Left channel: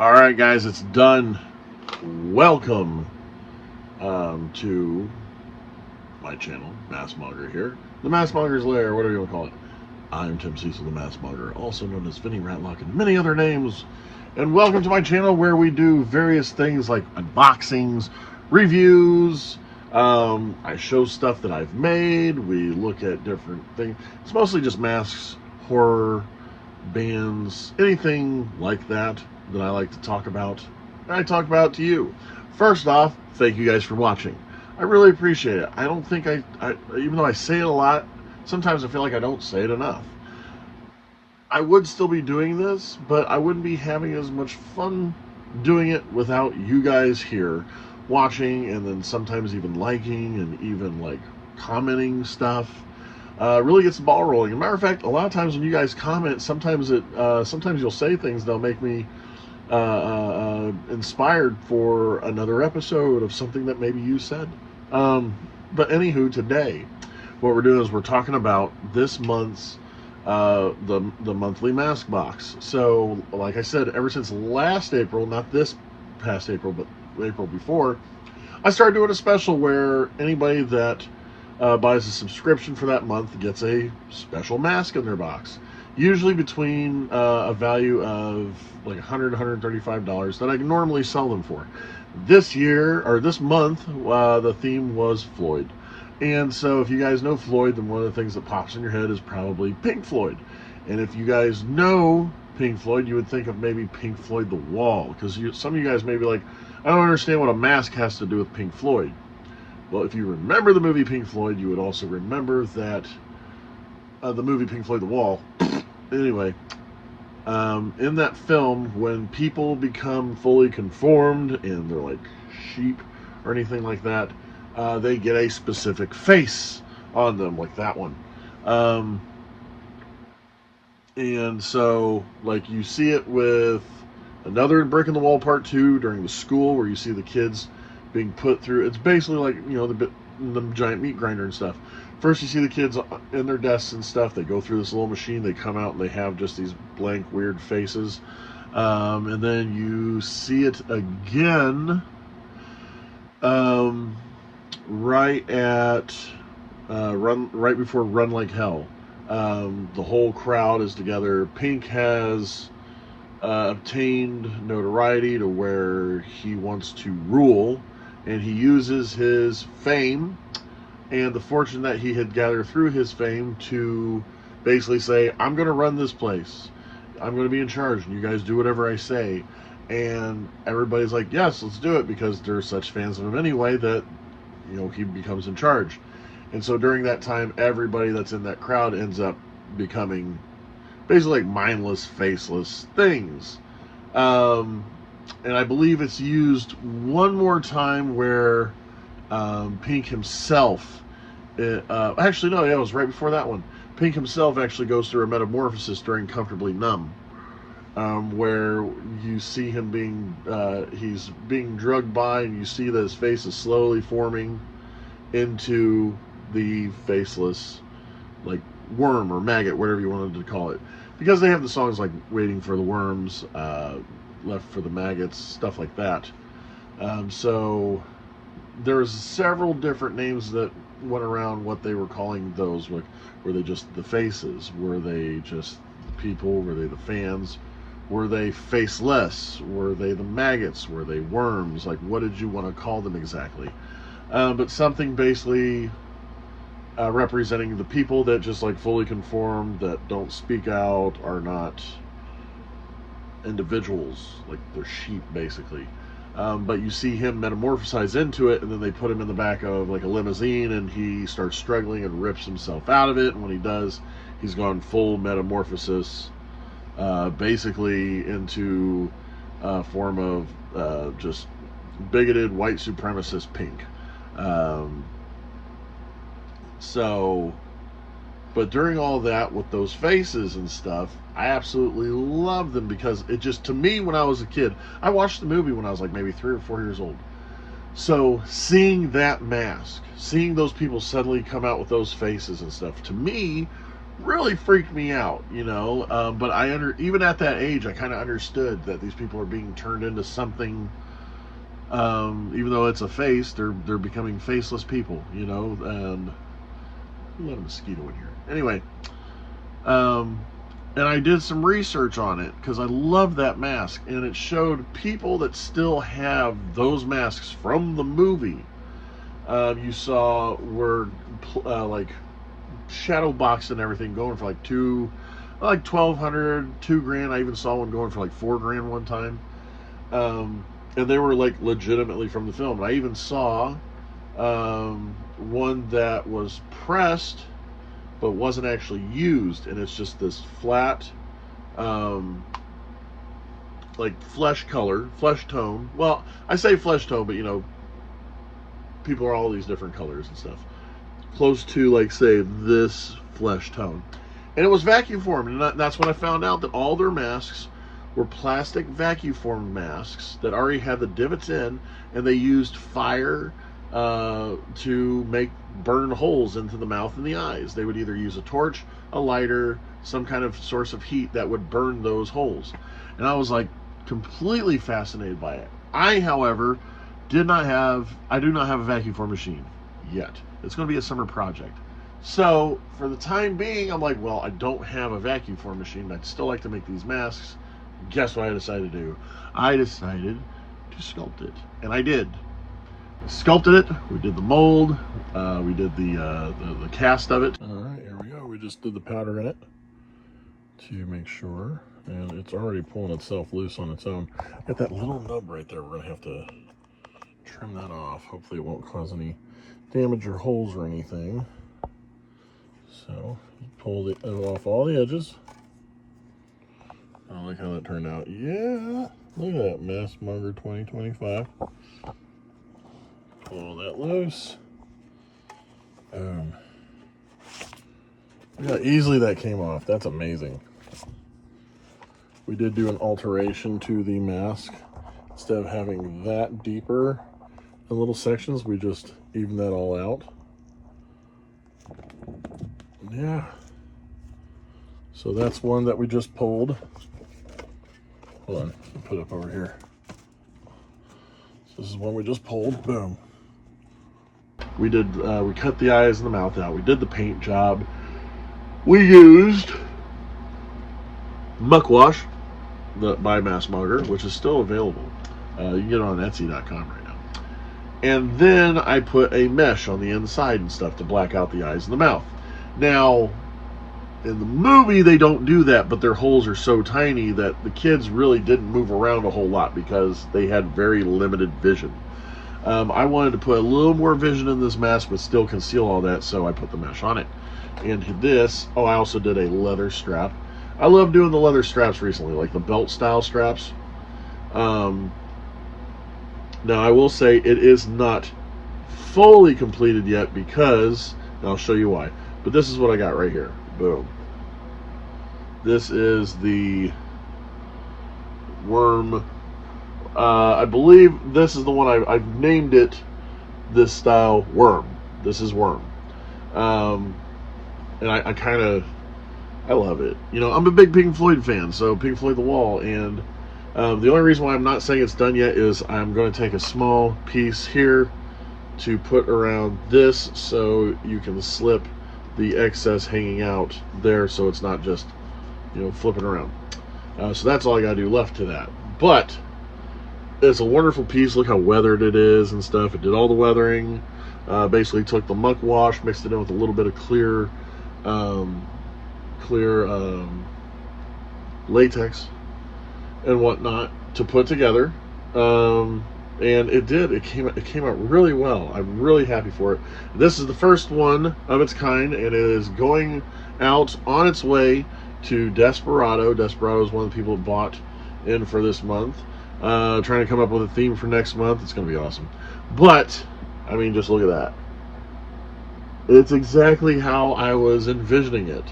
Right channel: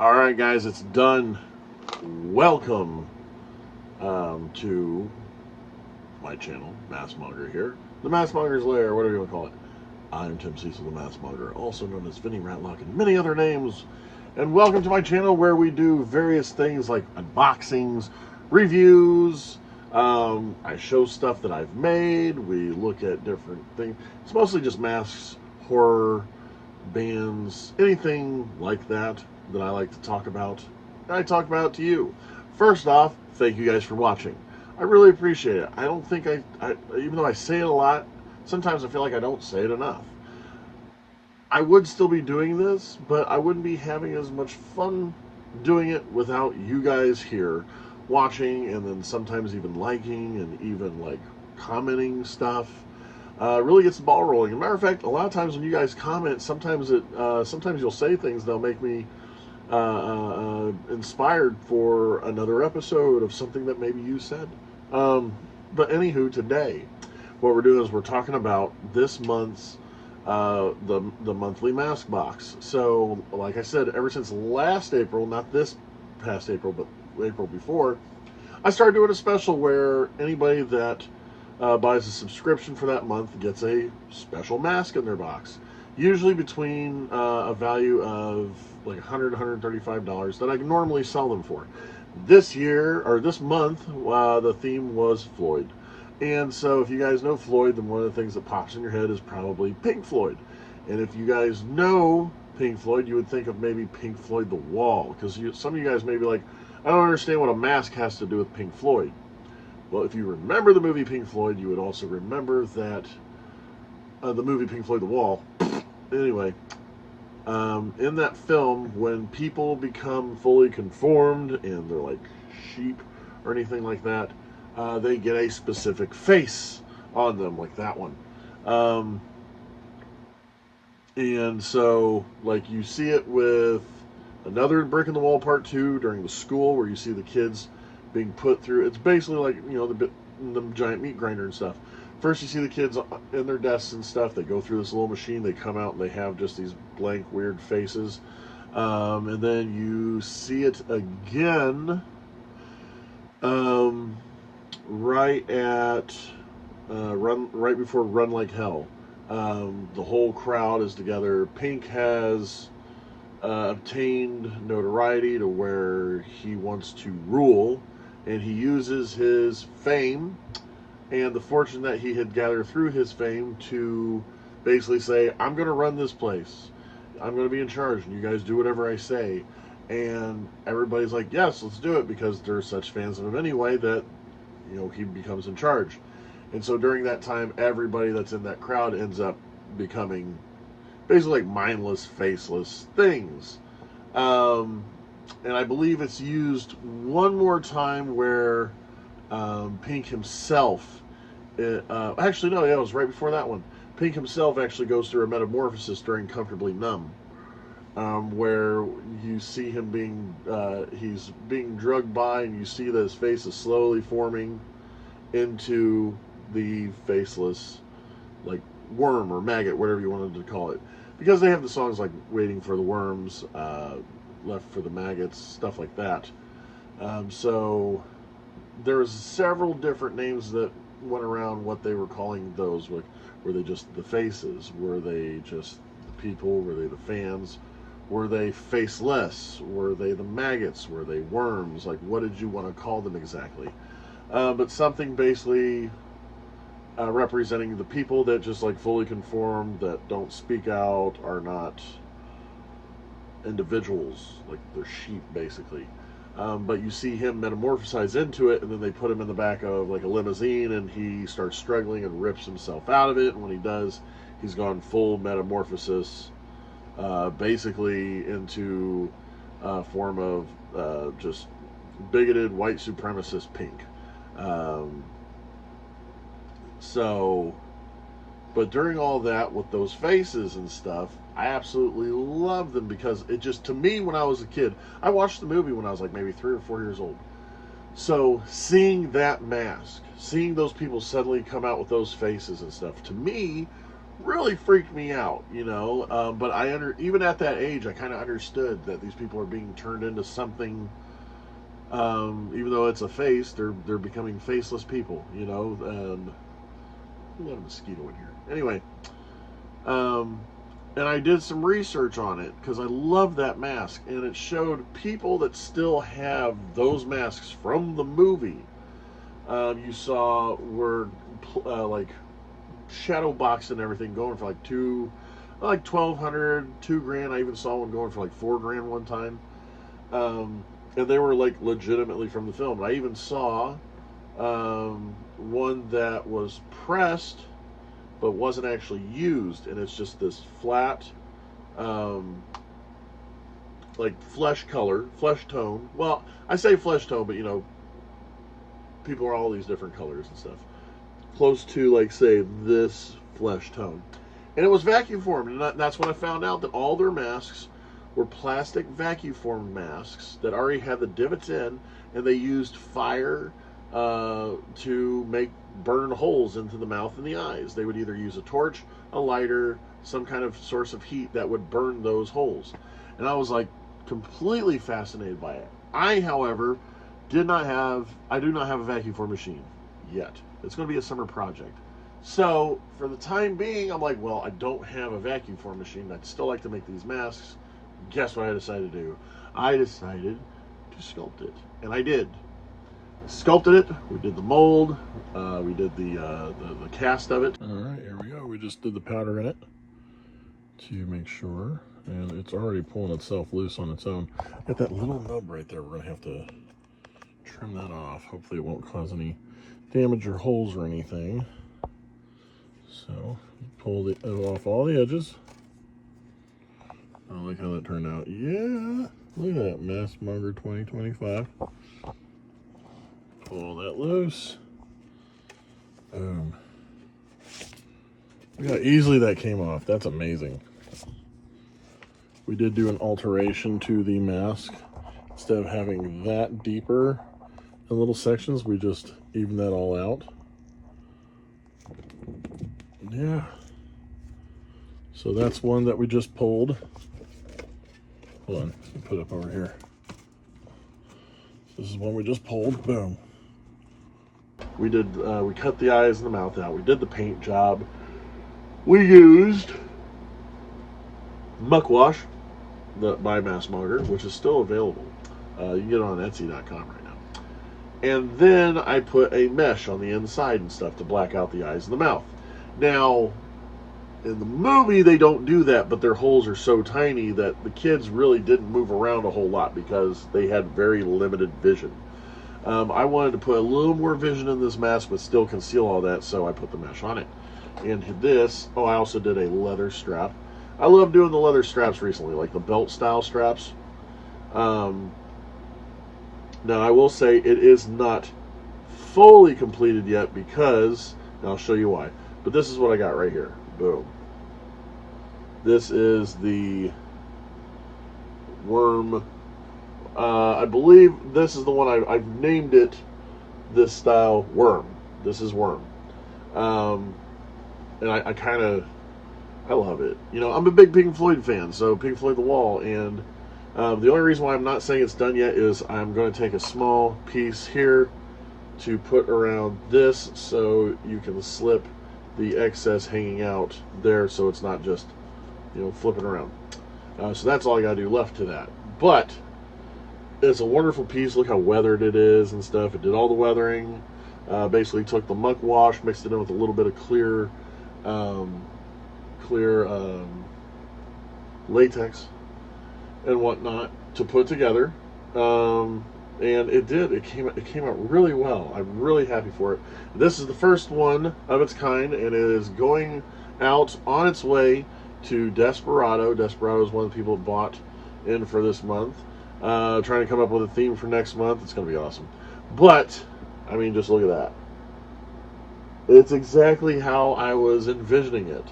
All right, guys, it's done. Welcome to my channel, Massmonger here. The Massmonger's Lair, whatever you want to call it. I'm Tim Cecil, the Massmonger, also known as Vinny Ratlock and many other names. And welcome to my channel where we do various things like unboxings, reviews. I show stuff that I've made. We look at different things. It's mostly just masks, horror, bands, anything like that that I like to talk about. And I talk about to you. First off, thank you guys for watching. I really appreciate it. I don't think I even though I say it a lot, sometimes I feel like I don't say it enough. I would still be doing this, but I wouldn't be having as much fun doing it without you guys here watching and then sometimes even liking and even like commenting stuff. Really gets the ball rolling. As a matter of fact, a lot of times when you guys comment, sometimes you'll say things that'll make me inspired for another episode of something that maybe you said. But anywho, today, what we're doing is we're talking about this month's the monthly mask box. So, like I said, ever since last April, not this past April, but April before, I started doing a special where anybody that buys a subscription for that month gets a special mask in their box. Usually between a value of like $100, $135 that I normally sell them for. This year, or this month, the theme was Floyd. And so if you guys know Floyd, then one of the things that pops in your head is probably Pink Floyd. And if you guys know Pink Floyd, you would think of maybe Pink Floyd The Wall. Because some of you guys may be like, I don't understand what a mask has to do with Pink Floyd. Well, if you remember the movie Pink Floyd, you would also remember that the movie Pink Floyd The Wall. Anyway, in that film, when people become fully conformed and they're like sheep or anything like that, they get a specific face on them, like that one. And so, like, you see it with another Brick in the Wall Part 2 during the school, where you see the kids being put through. It's basically like, you know, the giant meat grinder and stuff. First, you see the kids in their desks and stuff. They go through this little machine. They come out and they have just these blank, weird faces. And then you see it again right before Run Like Hell. The whole crowd is together. Pink has obtained notoriety to where he wants to rule, and he uses his fame and the fortune that he had gathered through his fame to basically say, I'm going to run this place. I'm going to be in charge, and you guys do whatever I say. And everybody's like, yes, let's do it, because they're such fans of him anyway that, you know, he becomes in charge. And so during that time, everybody that's in that crowd ends up becoming basically like mindless, faceless things. And I believe it's used one more time where Pink himself, actually no, yeah, it was right before that one. Pink himself actually goes through a metamorphosis during Comfortably Numb, where you see him he's being drugged by, and you see that his face is slowly forming into the faceless, like, worm or maggot, whatever you wanted to call it. Because they have the songs like Waiting for the Worms, Left for the Maggots, stuff like that. So there's several different names that went around what they were calling those. Were they just the faces? Were they just the people? Were they the fans? Were they faceless? Were they the maggots? Were they worms? Like, what did you want to call them exactly? But something basically representing the people that just like fully conform, that don't speak out, are not individuals, like they're sheep basically. But you see him metamorphosize into it, and then they put him in the back of like a limousine, and he starts struggling and rips himself out of it. And when he does, he's gone full metamorphosis, basically into a form of just bigoted white supremacist Pink. But during all that with those faces and stuff, I absolutely love them, because it just, to me, when I was a kid, I watched the movie when I was like maybe 3 or 4 years old. So seeing that mask, seeing those people suddenly come out with those faces and stuff, to me, really freaked me out, you know. But even at that age, I kind of understood that these people are being turned into something. Even though it's a face, they're becoming faceless people, you know. And let a mosquito in here. Anyway, um, and I did some research on it because I love that mask, and it showed people that still have those masks from the movie. You saw were like shadow box and everything going for like 1,200, $2,000. I even saw one going for like $4,000 one time. And they were like legitimately from the film. I even saw one that was pressed but wasn't actually used, and it's just this flat, like flesh tone. Well, I say flesh tone, but you know, people are all these different colors and stuff. Close to, like, say, this flesh tone. And it was vacuum formed, and that's when I found out that all their masks were plastic vacuum formed masks that already had the divots in, and they used fire to burn holes into the mouth and the eyes. They would either use a torch, a lighter, some kind of source of heat that would burn those holes. And I was like completely fascinated by it. However, do not have a vacuum form machine yet. It's going to be a summer project. So for the time being, I'm like, well, I don't have a vacuum form machine. I'd still like to make these masks. Guess what I decided to do? I decided to sculpt it, and I did. I sculpted it. We did the mold. We did the cast of it. All right, here we go. We just did the powder in it to make sure, and it's already pulling itself loose on its own. Got that little nub right there. We're gonna have to trim that off. Hopefully it won't cause any damage or holes or anything. So you pulled it off all the edges. I like how that turned out. Yeah, look at that, Maskmonger 2025. Pull that loose. Boom. Look how easily that came off. That's amazing. We did do an alteration to the mask. Instead of having that deeper in little sections, we just evened that all out. Yeah. So that's one that we just pulled. Hold on, I'll put it up over here. This is one we just pulled. Boom. We cut the eyes and the mouth out. We did the paint job. We used muck wash by Maskmonger, which is still available. You can get it on Etsy.com right now. And then I put a mesh on the inside and stuff to black out the eyes and the mouth. Now, in the movie, they don't do that, but their holes are so tiny that the kids really didn't move around a whole lot because they had very limited vision. I wanted to put a little more vision in this mask, but still conceal all that, so I put the mesh on it. And this, I also did a leather strap. I love doing the leather straps recently, like the belt style straps. Now, I will say it is not fully completed yet because, and I'll show you why, but this is what I got right here. Boom. This is the worm. I believe this is the one I've named it this style, Worm. This is Worm. And I love it. You know, I'm a big Pink Floyd fan, so Pink Floyd The Wall, and the only reason why I'm not saying it's done yet is I'm going to take a small piece here to put around this so you can slip the excess hanging out there so it's not just, you know, flipping around. So that's all I got to do left to that. But it's a wonderful piece. Look how weathered it is and stuff. It did all the weathering. Basically took the muck wash, mixed it in with a little bit of clear latex and whatnot to put together. And it did. It came out really well. I'm really happy for it. This is the first one of its kind, and it is going out on its way to Desperado. Desperado is one of the people that bought in for this month. Trying to come up with a theme for next month. It's going to be awesome. But, I mean, just look at that. It's exactly how I was envisioning it.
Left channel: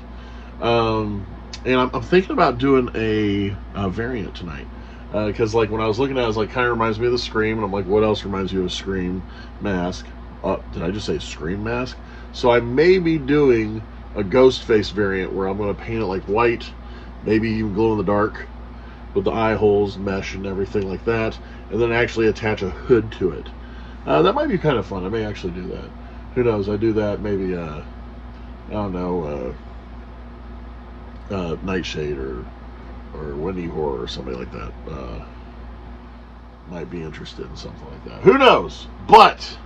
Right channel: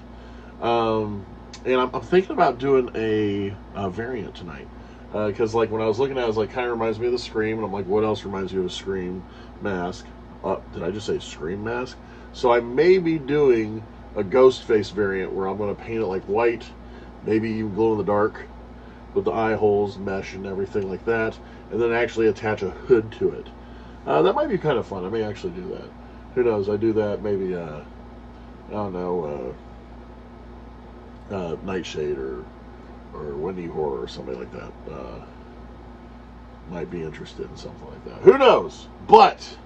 And I'm thinking about doing a variant tonight. Because, like, when I was looking at it, I was like, kind of reminds me of the Scream. And I'm like, what else reminds you of a Scream mask? Did I just say Scream mask? So I may be doing a ghost face variant where I'm going to paint it like white, maybe even glow in the dark with the eye holes, mesh, and everything like that, and then actually attach a hood to it. That might be kind of fun. I may actually do that. Who knows? I do that maybe, I don't know, Nightshade or Windy Horror or something like that. Might be interested in something like that. Who knows? But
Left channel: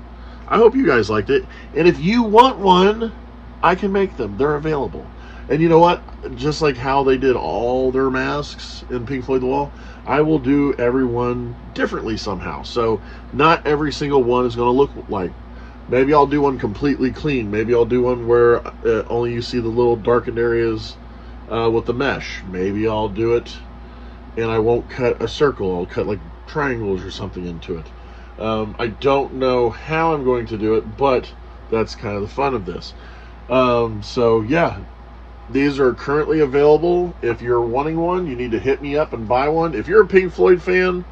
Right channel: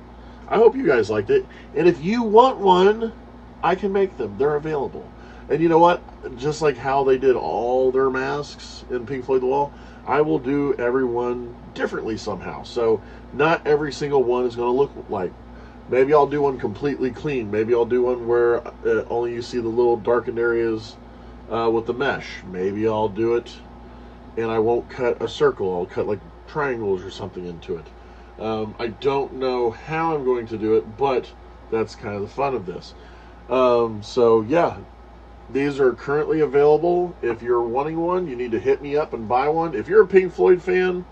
I hope you guys liked it. And if you want one, I can make them. They're available. And you know what? Just like how they did all their masks in Pink Floyd The Wall, I will do everyone differently somehow. So not every single one is going to look like. Maybe I'll do one completely clean. Maybe I'll do one where only you see the little darkened areas with the mesh. Maybe I'll do it and I won't cut a circle. I'll cut like triangles or something into it. I don't know how I'm going to do it, but that's kind of the fun of this. So yeah, these are currently available. If you're wanting one, you need to hit me up and buy one. If you're a Pink Floyd fan,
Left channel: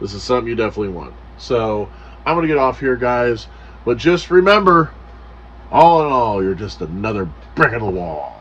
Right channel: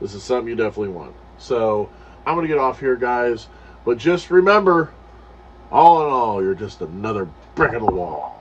this is something you definitely want. So I'm going to get off here, guys. But just remember, all in all, you're just another brick in the wall.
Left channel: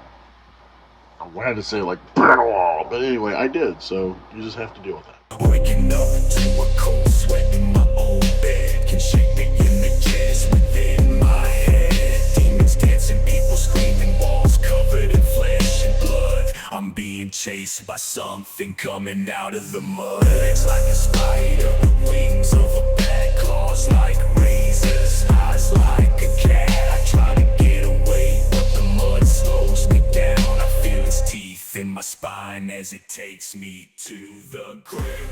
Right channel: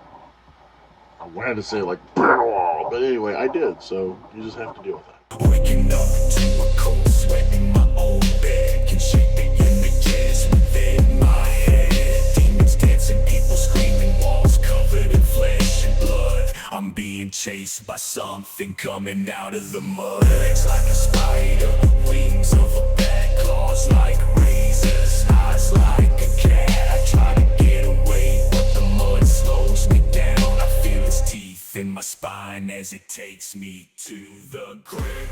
I wanted to say like brick in the wall, but anyway, I did. So you just have to deal with that. Waking up to a cold sweat in my own bed, can shake the images within my head. Demons dancing, people screaming, walls covered in flesh and blood. I'm being chased by something coming out of the mud. Legs like a spider, wings of a bat, claws like razors, eyes like a cat. I try to get away, but the mud slows me down. I feel its teeth in my spine as it takes me to the grave.